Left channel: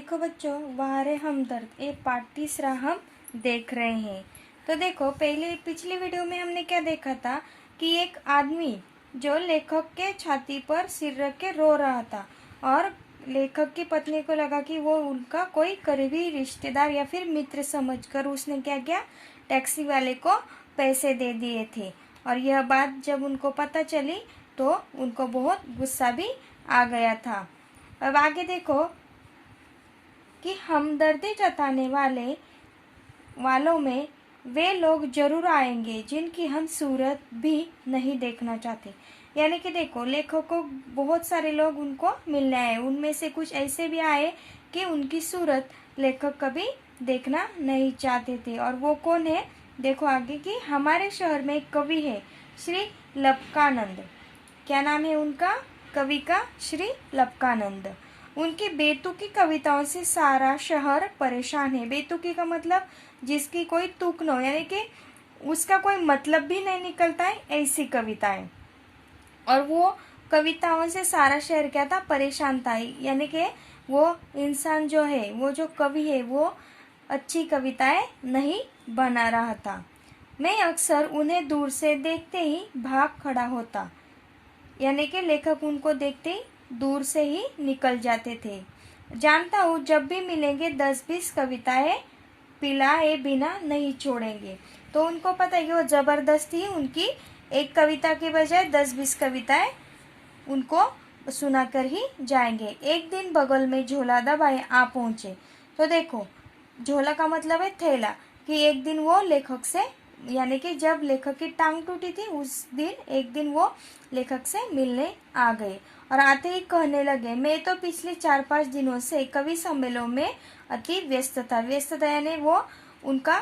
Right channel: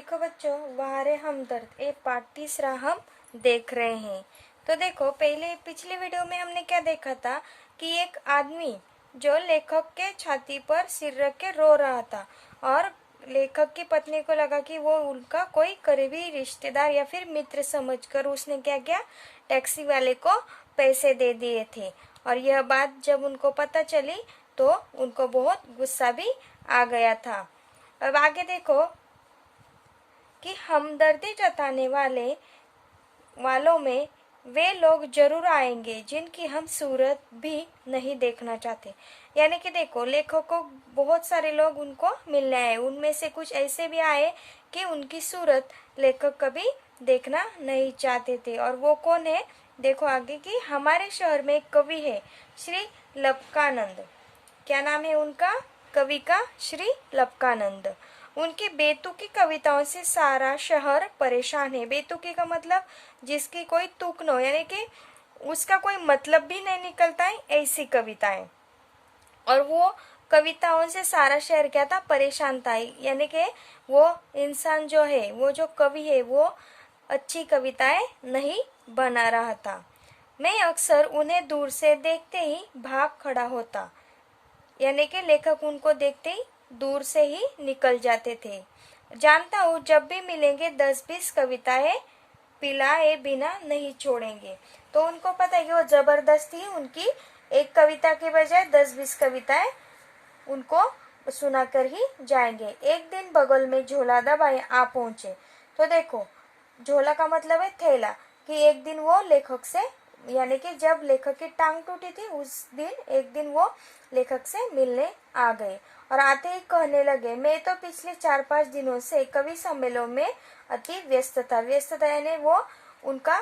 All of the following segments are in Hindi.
देखो बच्चों, वारे हमदर्द ये पार्ट तीसरा हम देख रहे हैं। तो देखो, पहले पिछली वीडियो में हमने क्या देखा था कि एक आदमी जो लेखक के छाती पर सिर रख के रो रहा था और लेखक की पत्नी को लगा कि वो उनका कोई करीबी रिश्तेदार या फिर मित्र समझकर उसने क्या किया, टैक्सी वाले को पैसे दे दिए थे। और यह बात जब उनको पता चली तो उनको बहुत गुस्सा भी आ गया था। अब आगे देखो कि हमदर्दी जताने वालों में वे लोग जरूर आएंगे जिनकी हम सूरत भी नहीं देखना चाहते। यानी कि देखो, लेखक को बहुत सारे लोग उनको मिलने आए, उनमें से कुछ ऐसे भी आए कि उनकी सूरत लेखक कभी देखना नहीं चाहते थे। और वो कौन है, देखो आगे कि हमारे शहर में एक कवि है, श्री लपकानंद। क्या नाम है उनका कवि का? श्री लपकानंद। उनकी बेतुकी कविताओं से सारा शहर परेशान है। बेतुकी का मतलब जिसकी कोई तुक न हो, यानी कि उसका कोई मतलब भी नहीं निकलता है, ऐसी कविताएं। और वो कविताओं से सारा शहर क्या था, परेशान था। यानी कि वो इंसान जो है, वो जो कवि है, वो अच्छी कविताएं नहीं बना रहा था। मैं अक्सर उन्हें दूर से देखते ही भाग खड़ा होता। यानी कि लेखक उनको देखते ही दूर से ही निकल जाते थे। जानता हूँ जब भी मिलेंगे 10-20 कविताएं पिलाए बिना नहीं छोड़ेंगे। तो उनको पता है कि वो जबरदस्ती उनकी एक कविता के बजाय 10-20 कविताएं उनको सुनाकर ही जाएंगे। एक दिन बगल में झोला दबाए आ पहुंचे। तो देखो, झोला का मतलब है थैला, कि एक दिन वो लेखक से, यानी कि जब लेखक की टांग टूटी थी उस दिन एक दिन वो लेखक से मिलने आ गए और आते ही कहने लगे, मैं तो पिछले 4-5 दिनों से कवि सम्मेलन में अति व्यस्त था। व्यस्त था यानी वो उनका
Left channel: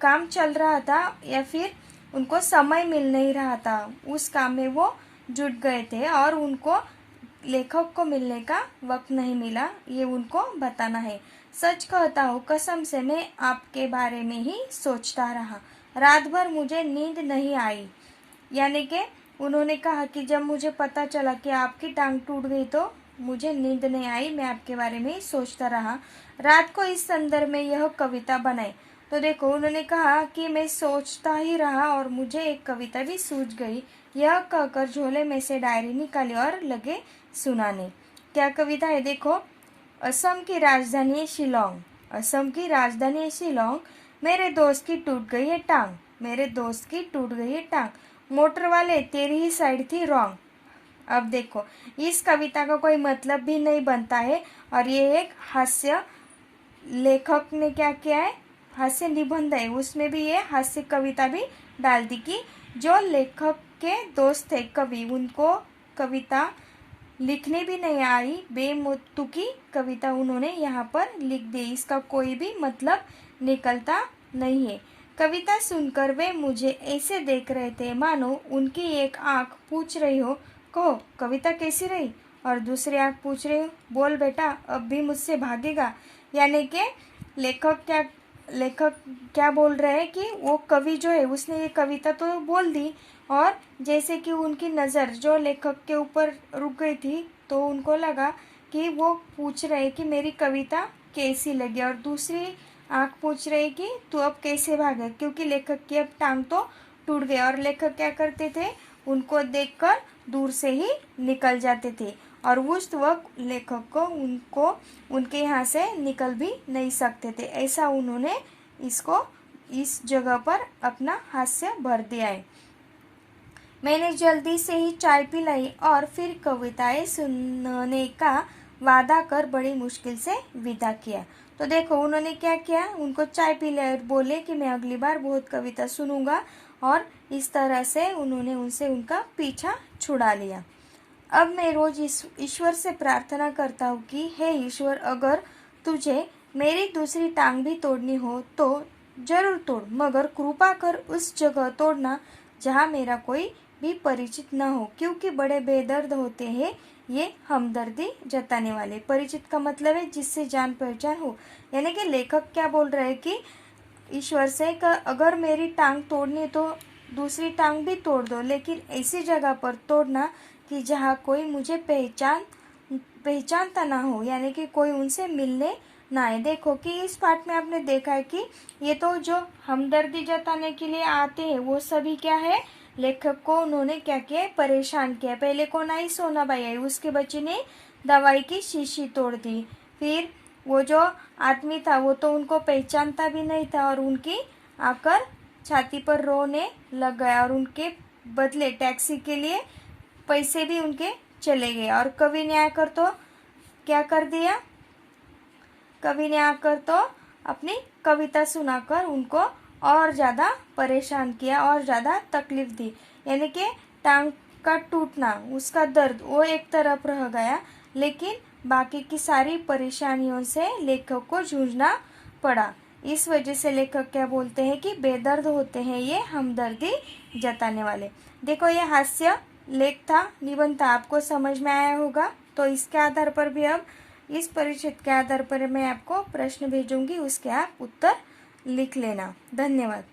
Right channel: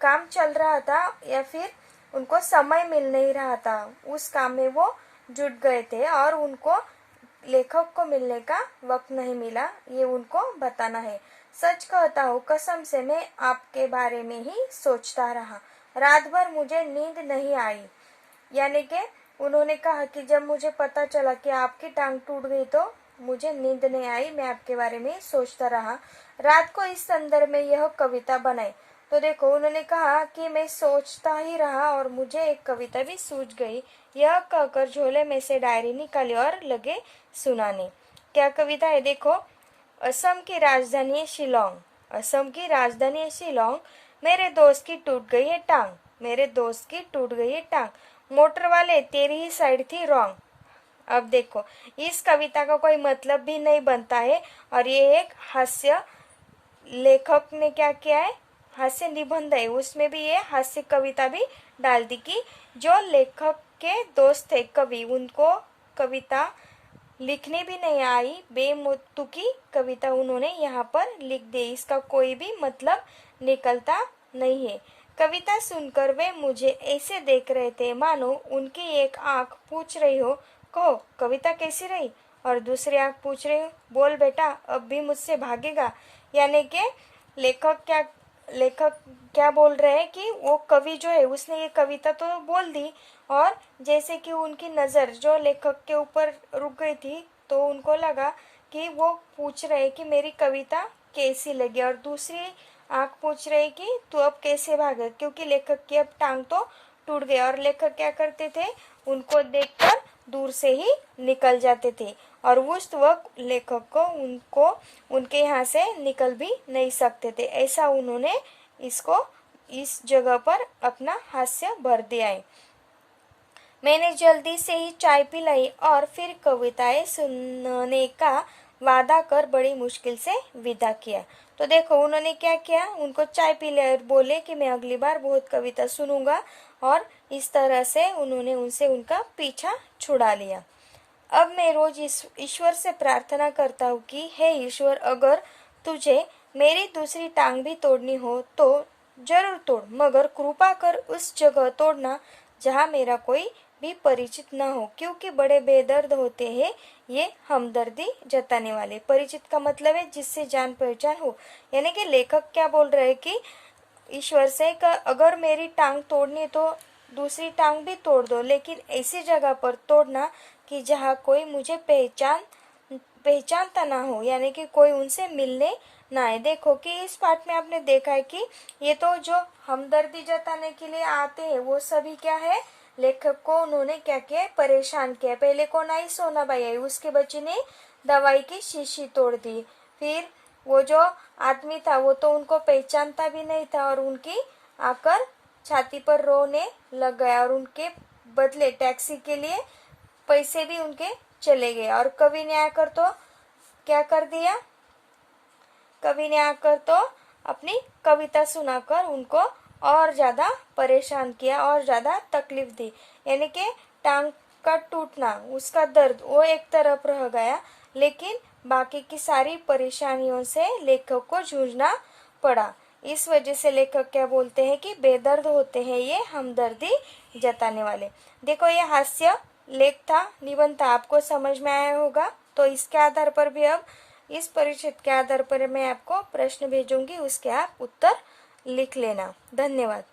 काम चल रहा था या फिर उनको समय मिल नहीं रहा था, उस काम में वो जुट गए थे और उनको लेखक को मिलने का वक्त नहीं मिला, ये उनको बताना है। सच कहता हूँ, कसम से मैं आपके बारे में ही सोचता रहा, रात भर मुझे नींद नहीं आई। यानी कि उन्होंने कहा कि जब मुझे पता चला कि आपकी टांग टूट गई तो मुझे नींद नहीं आई, मैं आपके बारे में ही सोचता रहा। रात को इस संदर्भ में यह कविता बनाई। तो देखो, उन्होंने कहा कि मैं सोचता ही रहा और मुझे एक कविता भी सूझ गई। यह कहकर झोले में से डायरी निकाली और लगे सुनाने। क्या कविता है, देखो। असम की राजधानी है शिलोंग। असम की राजधानी है शिलोंग। मेरे दोस्त की टूट गई है टांग। मेरे दोस्त की टूट गई है टांग। मोटर वाले तेरी ही साइड थी रॉन्ग। अब देखो, इस कविता का कोई मतलब भी नहीं बनता है और ये एक हास्य, लेखक ने क्या किया है, हास्य निबंध है, उसमें भी ये हास्य कविता भी डाल दी कि जो लेखक के दोस्त थे कवि, उनको कविता लिखने भी नहीं आई, बेमुतुकी कविता उन्होंने यहाँ पर लिख दी, इसका कोई भी मतलब निकलता नहीं है। कविता सुनकर वे मुझे ऐसे देख रहे थे मानो उनकी एक आंख पूछ रही हो, कहो कविता कैसी रही, और दूसरी आंख पूछ रही हो, बोल बेटा अब भी मुझसे भागेगा। यानी कि लेखक क्या बोल रहे हैं कि वो कवि जो है उसने ये कविता तो बोल दी और जैसे कि उनकी नज़र जो लेखक के ऊपर रुक गई थी तो उनको लगा कि वो पूछ रहे कि मेरी कविता कैसी लगी, और दूसरी आंख पूछ रही कि तू अब कैसे भागे, क्योंकि लेखक की अब टांग तो टूट गई। और लेखक क्या करते थे, उनको देखकर दूर से ही निकल जाते थे और उस वक्त लेखक को उनके यहाँ से निकल भी नहीं सकते थे। ऐसा उन्होंने इस जगह पर अपना हास्य भर दिया है। मैंने जल्दी से ही चाय पिलाई और फिर कविताएं सुनने का वादा कर बड़ी मुश्किल से विदा किया। तो देखो, उन्होंने क्या किया, उनको चाय पिलाई और बोले कि मैं अगली बार बहुत कविता सुनूंगा, और इस तरह से उन्होंने उनसे उनका पीछा छुड़ा लिया। अब मैं रोज ईश्वर से प्रार्थना करता हूँ कि हे ईश्वर, अगर तुझे मेरी दूसरी टांग भी तोड़नी हो तो जरूर तोड़, मगर कृपा कर उस जगह तोड़ना जहाँ मेरा कोई भी परिचित न हो, क्योंकि बड़े बेदर्द होते हैं ये हमदर्दी जताने वाले। परिचित का मतलब है जिससे जान पहचान हो। यानी कि लेखक क्या बोल रहे हैं कि ईश्वर से का अगर मेरी टांग तोड़नी तो दूसरी टांग भी तोड़ दो, लेकिन ऐसी जगह पर तोड़ना कि जहाँ कोई मुझे पहचान पहचानता ना हो, यानी कि कोई उनसे मिलने ना आए। देखो कि इस पाठ में आपने देखा है कि ये तो जो हमदर्दी जताने के लिए आते हैं वो सभी क्या है, लेखक को उन्होंने क्या किया, परेशान किया। पहले कौन आई, सोनाबाई आई, उसके बच्चे ने दवाई की शीशी तोड़ दी। फिर वो जो आदमी था वो तो उनको पहचानता भी नहीं था और उनकी आकर छाती पर रोने लग गया और उनके बदले टैक्सी के लिए पैसे भी उनके चले गए। और कवि ने आकर तो क्या कर दिया, कवि ने आकर तो अपनी कविता सुनाकर उनको और ज्यादा परेशान किया और ज्यादा तकलीफ दी। यानी कि टांग का टूटना, उसका दर्द वो एक तरफ रह गया, लेकिन बाकी की सारी परेशानियों से लेखक को जूझना पड़ा। इस वजह से लेखक क्या बोलते हैं कि बेदर्द होते हैं ये हमदर्दी जताने वाले। देखो ये हास्य लेख था, निबंध था, आपको समझ में आया होगा। तो इसके आधार पर भी अब इस परिचित के आधार पर मैं आपको प्रश्न भेजूंगी, उसके आप उत्तर लिख लेना। धन्यवाद।